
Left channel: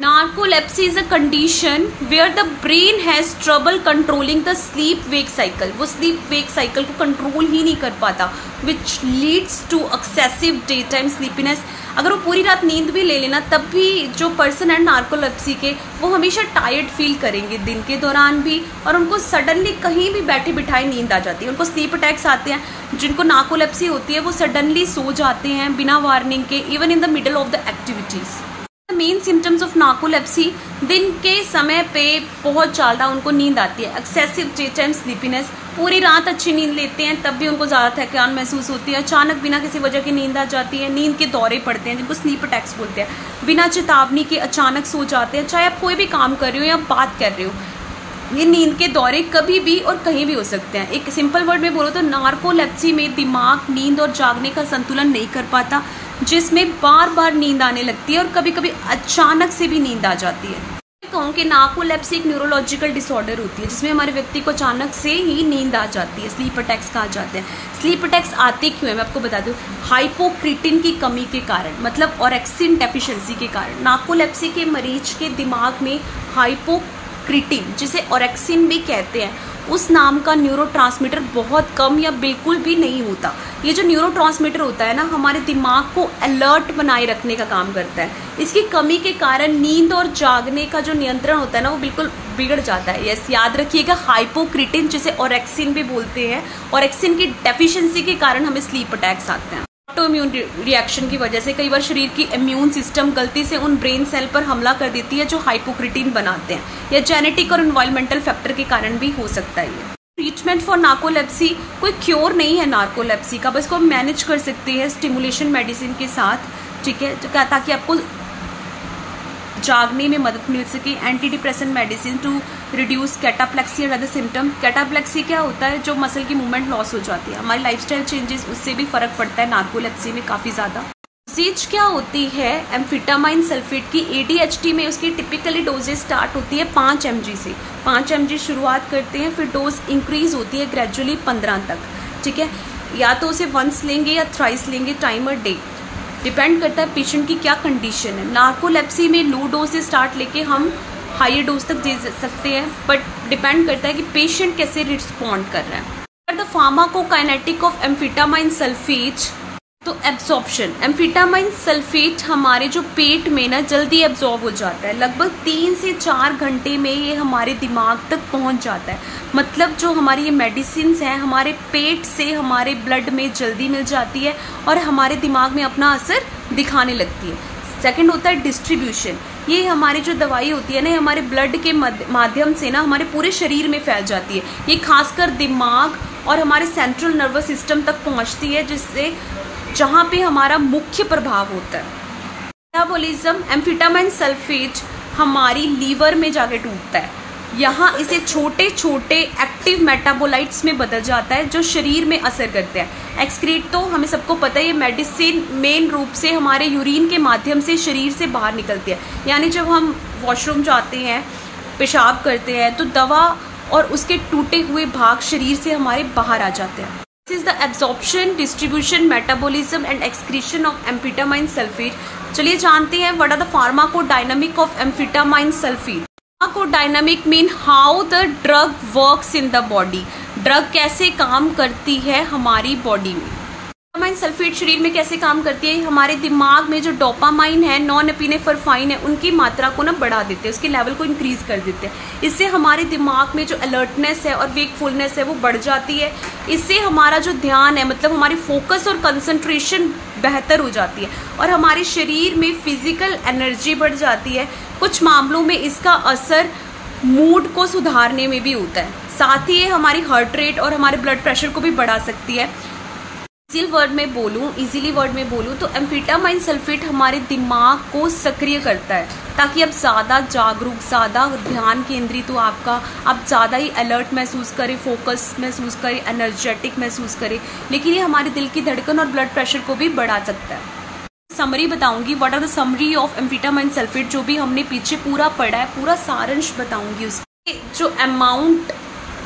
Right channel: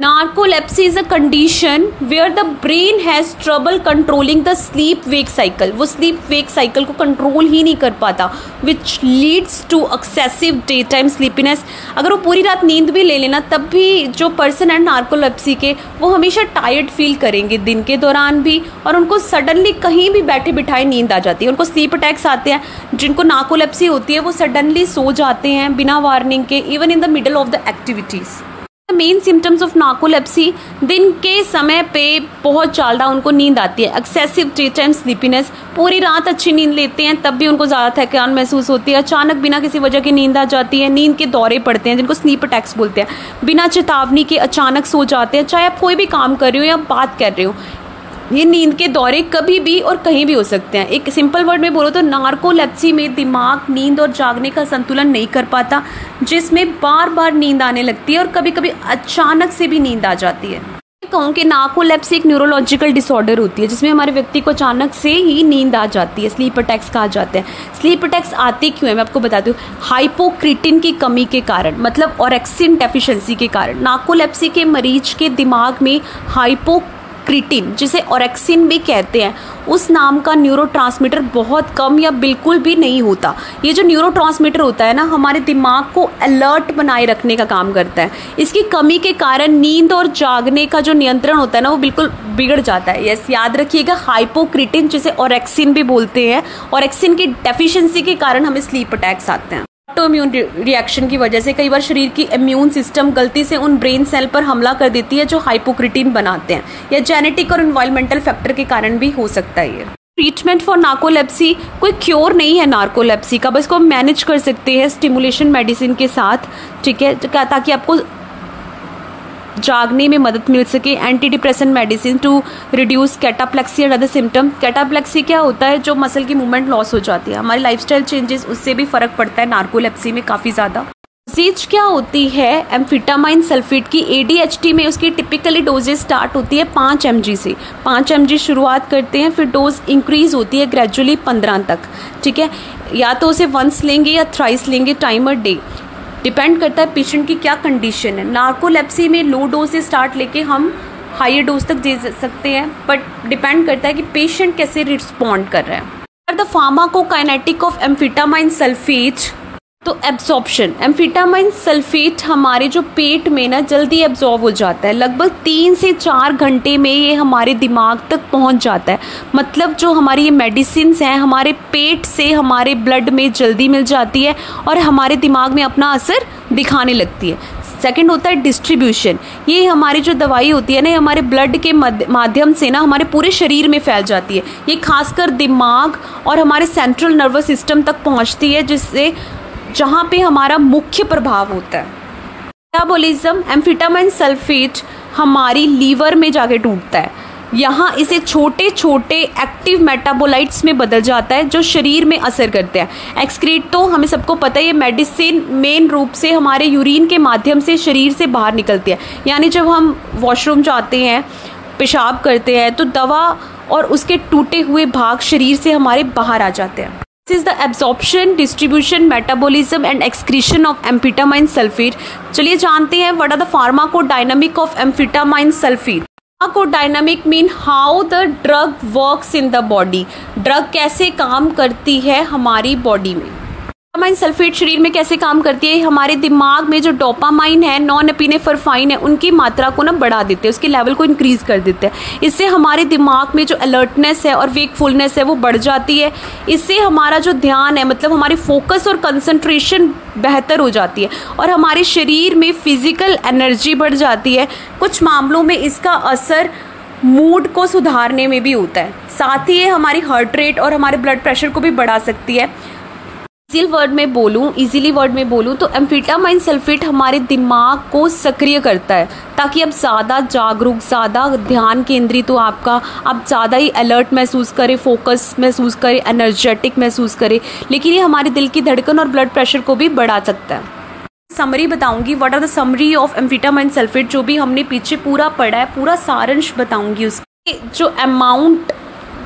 Narcolepsy is a condition where the brain has trouble controlling the sleep wake cycle. वो स्लीप वेक साइकिल को कंट्रोल ही नहीं कर पाता, which leads to excessive day time sleepiness. अगर वो पूरी रात नींद भी ले लेना तब भी जो पर्सन है नार्कोलेप्सी के, वो हमेशा टायर्ड फील करेंगे दिन के दौरान भी, और उनको सडनली कहीं भी बैठे बिठाए नींद आ जाती है। उनको स्लीप अटैक्स आते हैं। जिनको नार्कोलेप्सी होती है वो सडनली सो जाते हैं बिना वार्निंग के, even in the middle of the activities. Main symptoms of narcolepsy, दिन के समय पे बहुत ज़्यादा उनको नींद आती है, एक्सेसिव डे टाइम स्लीपीनेस, पूरी रात अच्छी नींद लेते हैं तब भी उनको ज़्यादा थकान महसूस होती है, अचानक बिना किसी वजह की नींद आ जाती है, नींद के दौरे पड़ते हैं जिनको स्लीप अटैक्स बोलते हैं, बिना चेतावनी के अचानक सो जाते हैं, चाहे आप कोई भी काम कर रहे हो या बात कर रहे हो। ये नींद के दौरे कभी भी और कहीं भी हो सकते हैं। एक सिंपल वर्ड में बोलो तो नार्कोलेप्सी में दिमाग नींद और जागने का संतुलन नहीं कर पाता, जिसमें बार बार नींद आने लगती है और कभी कभी अचानक से भी नींद आ जाती है। मैं कहूँ कि नार्कोलेप्सी एक न्यूरोलॉजिकल डिसऑर्डर होती है जिसमें हमारे व्यक्ति को अचानक से ही नींद आ जाती है। स्लीप अटैक्स कहा जाते हैं। स्लीप अटैक्स आते क्यों है मैं आपको बता दूँ। हाइपोक्रिटिन की कमी के कारण, मतलब ऑरेक्सिन डेफिशिएंसी के कारण। नार्कोलेप्सी के मरीज के दिमाग में हाइपोक्रिटिन, जिसे ऑरेक्सिन भी कहते हैं, उस नाम का न्यूरोट्रांसमीटर बहुत कम या बिल्कुल भी नहीं होता। ये जो न्यूरोट्रांसमीटर होता है ना, हमारे दिमाग को अलर्ट बनाए रखने का काम करता है। इसकी कमी के कारण नींद और जागने का जो नियंत्रण होता है ना, वो बिल्कुल बिगड़ जाता है। यस, याद रखिएगा, हाइपोक्रिटिन, जिसे ऑरेक्सिन भी बोलते हैं, ऑरेक्सिन की डेफिशिएंसी के कारण हमें स्लीप अटैक्स आते हैं। ऑटोइम्यून रिएक्शन की वजह से कई बार शरीर की इम्यून सिस्टम गलती से उन ब्रेन सेल पर हमला कर देती है जो हाइपोक्रिटिन बनाते हैं, या जेनेटिक और एनवायरमेंटल फैक्टर के कारण भी हो सकता है। ये ट्रीटमेंट फॉर नार्कोलेप्सी, कोई क्योर नहीं है नार्कोलेप्सी का, बस को मैनेज कर सकते हैं स्टिमुलेशन मेडिसिन के साथ, ठीक है, ताकि आपको जागने में मदद मिल सके। Antidepressant medicine to reduce cataplexy and other symptom. Cataplexy क्या होता है, जो मसल की मूवमेंट लॉस हो जाती है, हमारी लाइफस्टाइल चेंजेस, उससे भी फर्क पड़ता है नार्कोलेप्सी में काफ़ी ज़्यादा। डोजेज क्या होती है एम्फेटामाइन सल्फेट की, ADHD में उसकी टिपिकली डोजेज स्टार्ट होती है 5 mg से। 5 mg शुरुआत करते हैं, फिर डोज इंक्रीज होती है ग्रेजुअली 15 तक, ठीक है। या तो उसे वंस लेंगे या थ्राइस लेंगे टाइम अ डे, डिपेंड करता है पेशेंट की क्या कंडीशन है। नार्कोलेप्सी में लो डोज से स्टार्ट लेके हम हायर डोज तक दे सकते हैं, बट डिपेंड करता है कि पेशेंट कैसे रिस्पॉन्ड कर रहा है। The pharmacokinetic of amphetamine sulphate, तो एब्जॉर्प्शन, एम्फेटामाइन सल्फेट हमारे जो पेट में ना जल्दी एब्जॉर्ब हो जाता है, लगभग 3 से 4 घंटे में ये हमारे दिमाग तक पहुंच जाता है। मतलब जो हमारी ये मेडिसिन हैं हमारे पेट से हमारे ब्लड में जल्दी मिल जाती है और हमारे दिमाग में अपना असर दिखाने लगती है। सेकंड होता है डिस्ट्रीब्यूशन, ये हमारी जो दवाई होती है ना, हमारे ब्लड के माध्यम से ना हमारे पूरे शरीर में फैल जाती है। ये खासकर दिमाग और हमारे सेंट्रल नर्वस सिस्टम तक पहुंचती है, जिससे जहाँ पे हमारा मुख्य प्रभाव होता है। मेटाबॉलिज्म, एम्फेटामाइन सल्फेट हमारी लीवर में जाके टूटता है, यहाँ इसे छोटे छोटे एक्टिव मेटाबोलाइट्स में बदल जाता है जो शरीर में असर करते हैं। एक्सक्रीट तो हमें सबको पता है, ये मेडिसिन मेन रूप से हमारे यूरिन के माध्यम से शरीर से बाहर निकलती है। यानी जब हम वॉशरूम जाते हैं, पेशाब करते हैं, तो दवा और उसके टूटे हुए भाग शरीर से हमारे बाहर आ जाते हैं। This is the absorption, distribution, metabolism and excretion of amphetamine sulfate. चलिए जानते हैं what are the pharmacodynamic of amphetamine sulfate. Pharmacodynamic mean how the drug works in the body. Drug कैसे काम करती है हमारी बॉडी में। एम्फेटामाइन सल्फेट शरीर में कैसे काम करती है, हमारे दिमाग में जो डोपामाइन है, नॉन एपिनेफ्राइन है, उनकी मात्रा को ना बढ़ा देते हैं, उसके लेवल को इंक्रीज कर देते हैं। इससे हमारे दिमाग में जो अलर्टनेस है और वेकफुलनेस है वो बढ़ जाती है। इससे हमारा जो ध्यान है, मतलब हमारी फोकस और कंसंट्रेशन बेहतर हो जाती है और हमारे शरीर में फिजिकल एनर्जी बढ़ जाती है। कुछ मामलों में इसका असर मूड को सुधारने में भी होता है। साथ ही ये हमारी हार्ट रेट और हमारे ब्लड प्रेशर को भी बढ़ा सकती है। इजीली वर्ड में बोलूं तो एम्फेटामाइन सल्फेट हमारे दिमाग को सक्रिय करता है, ताकि आप ज़्यादा जागरूक, ज़्यादा ध्यान केंद्रित हो आपका, आप ज़्यादा ही अलर्ट महसूस करें, फोकस महसूस करें, एनर्जेटिक महसूस करें। लेकिन ये हमारे दिल की धड़कन और ब्लड प्रेशर को भी बढ़ा सकता है। समरी बताऊंगी, what are the summary of amphetamine sulphate, जो भी हमने पीछे पूरा पढ़ा है, पूरा सारांश बताऊंगी। उसके जो अमाउंट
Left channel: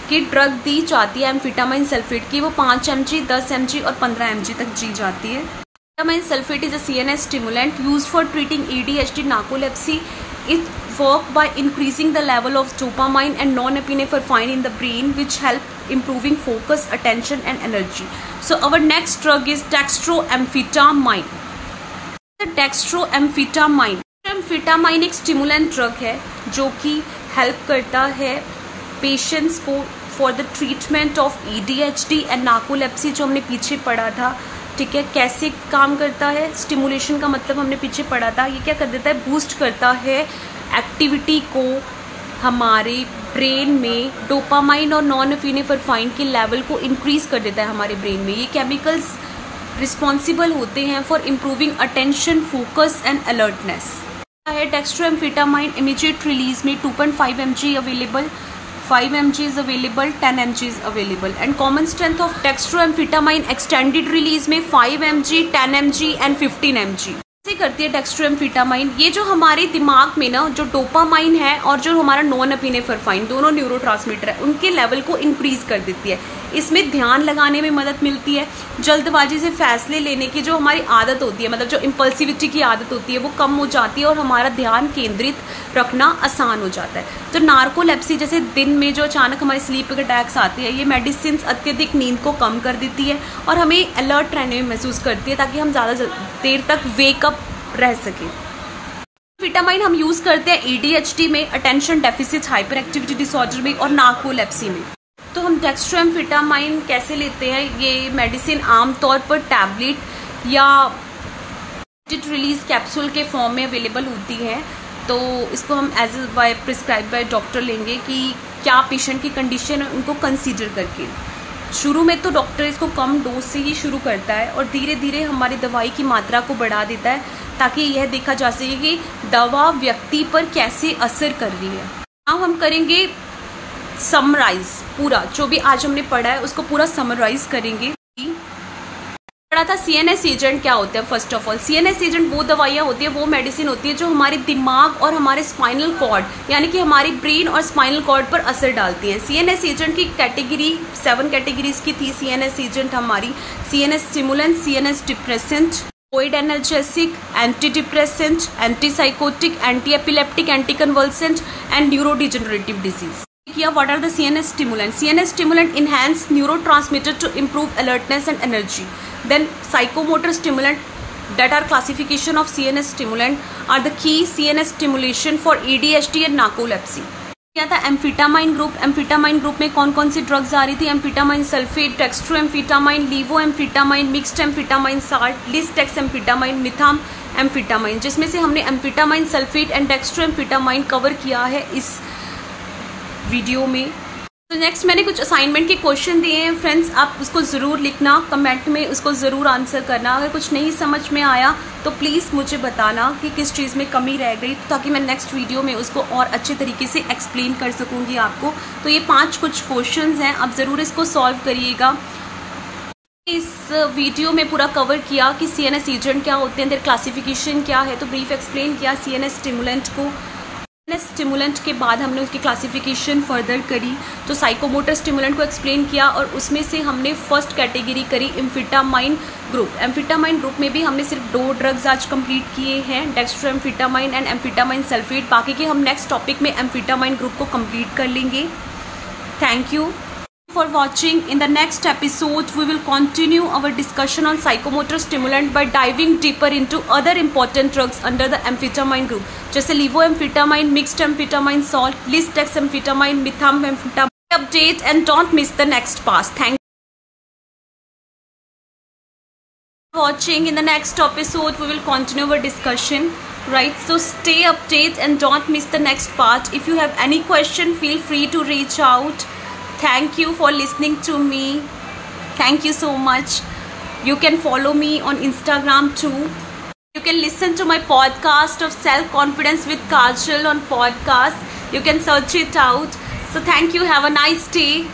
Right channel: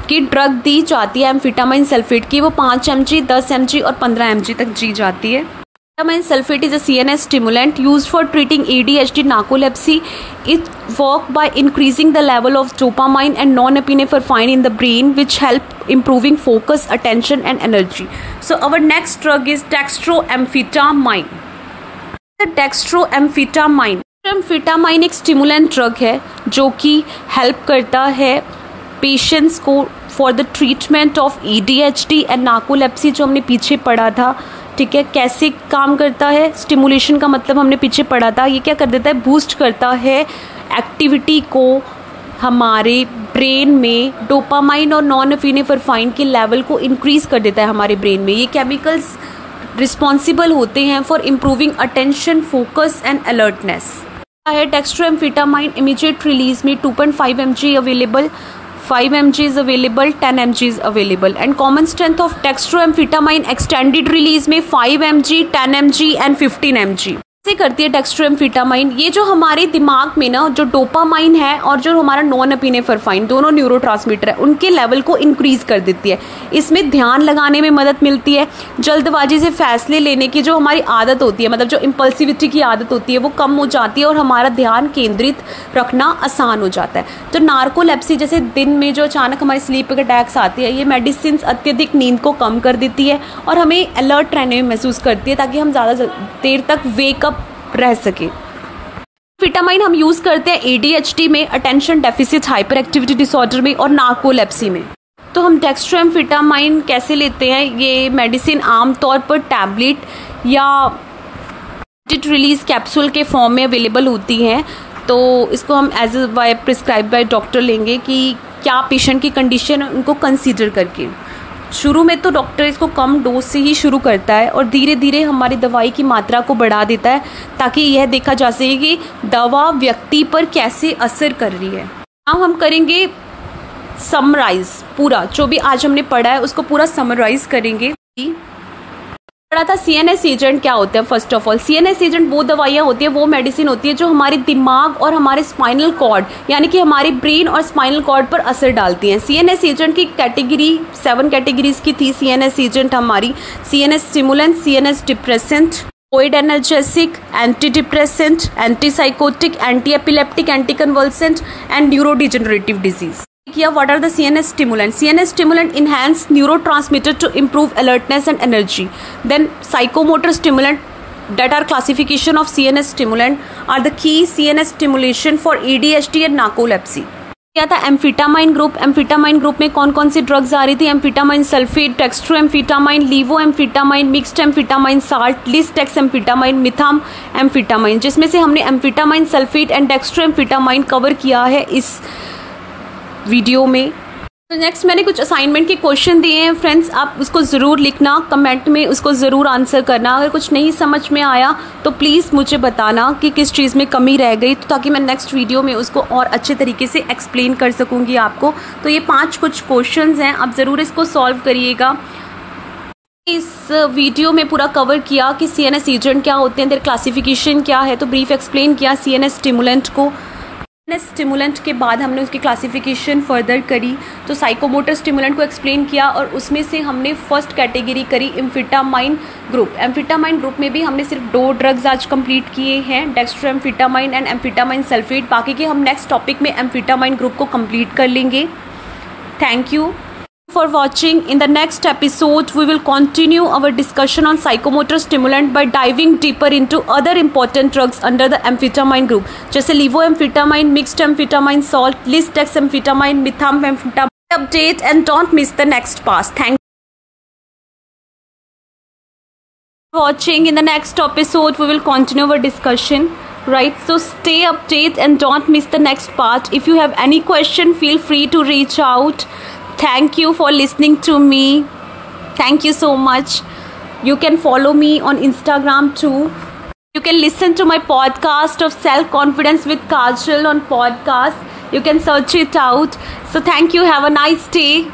की ड्रग दी जाती है एम्फेटामाइन सल्फेट की, वो 5 mg, 10 mg और 15 mg तक दी जाती है। Amphetamine sulphate is a CNS stimulant used for treating ADHD, narcolepsy. It works by increasing the level of dopamine and norepinephrine in the brain, which help improving focus, attention and energy. So our next drug is dextroamphetamine. डेक्स्ट्रोएम्फेटामाइन एक stimulant drug है जो कि help करता है patients को for the treatment of ADHD and narcolepsy, जो हमने पीछे पढ़ा था। ठीक है, कैसे काम करता है? स्टिमुलेशन का मतलब हमने पीछे पढ़ा था। ये क्या कर देता है? बूस्ट करता है एक्टिविटी को, हमारे ब्रेन में डोपामाइन और नॉरएपिनेफ्राइन के लेवल को इंक्रीज कर देता है हमारे ब्रेन में। ये केमिकल्स रिस्पॉन्सिबल होते हैं for improving attention, focus and alertness. है डेक्स्ट्रोएम्फेटामाइन इमीडिएट रिलीज में 2.5 mg available, 5 mg is available, 10 mg is available and common strength of dextroamphetamine extended release में 5 mg, 10 mg एंड 15 mg। कैसे करती है डेक्स्ट्रोएम्फेटामाइन? ये जो हमारे दिमाग में ना जो डोपामाइन है और जो हमारा नॉरएपिनेफ्राइन, दोनों न्यूरोट्रांसमीटर है, उनके लेवल को इंक्रीज कर देती है। इसमें ध्यान लगाने में मदद मिलती है, जल्दबाजी से फैसले लेने की जो हमारी आदत होती है, मतलब जो इम्पल्सिविटी की आदत होती है, वो कम हो जाती है और हमारा ध्यान केंद्रित रखना आसान हो जाता है। तो नार्कोलेप्सी जैसे दिन में जो अचानक हमारी स्लीप अटैक्स आती है, ये मेडिसिन अत्यधिक नींद को कम कर देती है और हमें अलर्ट रहने में महसूस करती है ताकि हम ज़्यादा देर तक वेकअप रह सके। एम्फेटामाइन हम यूज करते हैं ADHD में, attention deficit hyper activity disorder में और नार्कोलेप्सी में। तो हम डेक्स्ट्रोएम्फेटामाइन कैसे लेते हैं? ये मेडिसिन आमतौर पर टैबलेट या रिलीज कैप्सूल के फॉर्म में अवेलेबल होती हैं। तो इसको हम as by prescribe by doctor लेंगे कि क्या पेशेंट की कंडीशन है उनको कंसीडर करके। शुरू में तो डॉक्टर इसको कम डोज से ही शुरू करता है और धीरे धीरे हमारी दवाई की मात्रा को बढ़ा देता है ताकि यह देखा जा सके कि दवा व्यक्ति पर कैसे असर कर रही है। अब हम करेंगे समराइज, पूरा जो भी आज हमने पढ़ा है उसको पूरा समराइज करेंगे। पढ़ा था CNS एजेंट क्या होते हैं। First of all CNS agent वो दवाइयाँ होती है, वो मेडिसिन होती है जो हमारे दिमाग और हमारे स्पाइनल कॉर्ड यानी कि हमारे ब्रेन और स्पाइनल कॉर्ड पर असर डालती हैं। CNS एजेंट की कैटेगरी 7 कैटेगरीज की थी। CNS एजेंट हमारी CNS stimulant, CNS depressant, ओइड analgesic, anti depressant, antipsychotic, anti epileptic, anti convulsant and neurodegenerative disease. What are the CNS stimulants? CNS stimulant enhance neurotransmitter to improve alertness and energy. Then psychomotor stimulant that are classification of CNS stimulant are the key CNS stimulation for ADHD and narcolepsy. क्या था? Amphetamine group. Amphetamine group में कौन कौन सी drugs आ रही थी? Amphetamine sulphate, dextroamphetamine, levoamphetamine, mixed amphetamine salt, lisdexamfetamine, methamphetamine, जिसमें से हमने amphetamine sulphate and dextroamphetamine cover किया है इस वीडियो में। तो नेक्स्ट मैंने कुछ असाइनमेंट के क्वेश्चन दिए हैं फ्रेंड्स, आप उसको ज़रूर लिखना, कमेंट में उसको ज़रूर आंसर करना। अगर कुछ नहीं समझ में आया तो प्लीज़ मुझे बताना कि किस चीज़ में कमी रह गई, तो ताकि मैं नेक्स्ट वीडियो में उसको और अच्छे तरीके से एक्सप्लेन कर सकूँगी आपको। तो ये 5 कुछ क्वेश्चंस हैं, आप ज़रूर इसको सॉल्व करिएगा। इस वीडियो में पूरा कवर किया कि CNS एजेंट क्या होते हैं, देयर क्लासिफिकेशन क्या है, तो ब्रीफ एक्सप्लेन किया CNS स्टिमुलेंट को। स्टिमुलेंट के बाद हमने उसकी क्लासिफिकेशन फर्दर करी, तो साइकोमोटर स्टिमुलेंट को एक्सप्लेन किया और उसमें से हमने फर्स्ट कैटेगरी करी एम्फेटामाइन ग्रुप। एम्फेटामाइन ग्रुप में भी हमने सिर्फ 2 ड्रग्स आज कंप्लीट किए हैं, डेक्स्ट्रोएम्फेटामाइन एंड एम्फेटामाइन सल्फेट। बाकी के हम नेक्स्ट टॉपिक में एम्फेटामाइन ग्रुप को कंप्लीट कर लेंगे। Thank you for watching. In the next episode we will continue our discussion on psychomotor stimulant by diving deeper into other important drugs under the amphetamine group, जैसे levoamphetamine, mixed amphetamine salt, lisdexamphetamine, methamphetamine. Update and don't miss the next part. Thank you for watching. In the next episode we will continue our discussion, right? So stay updated and don't miss the next part. If you have any question, feel free to reach out. Thank you for listening to me. Thank you so much. You can follow me on Instagram too. You can listen to my podcast of Self Confidence with Kajal on podcast. You can search it out. So thank you. Have a nice day.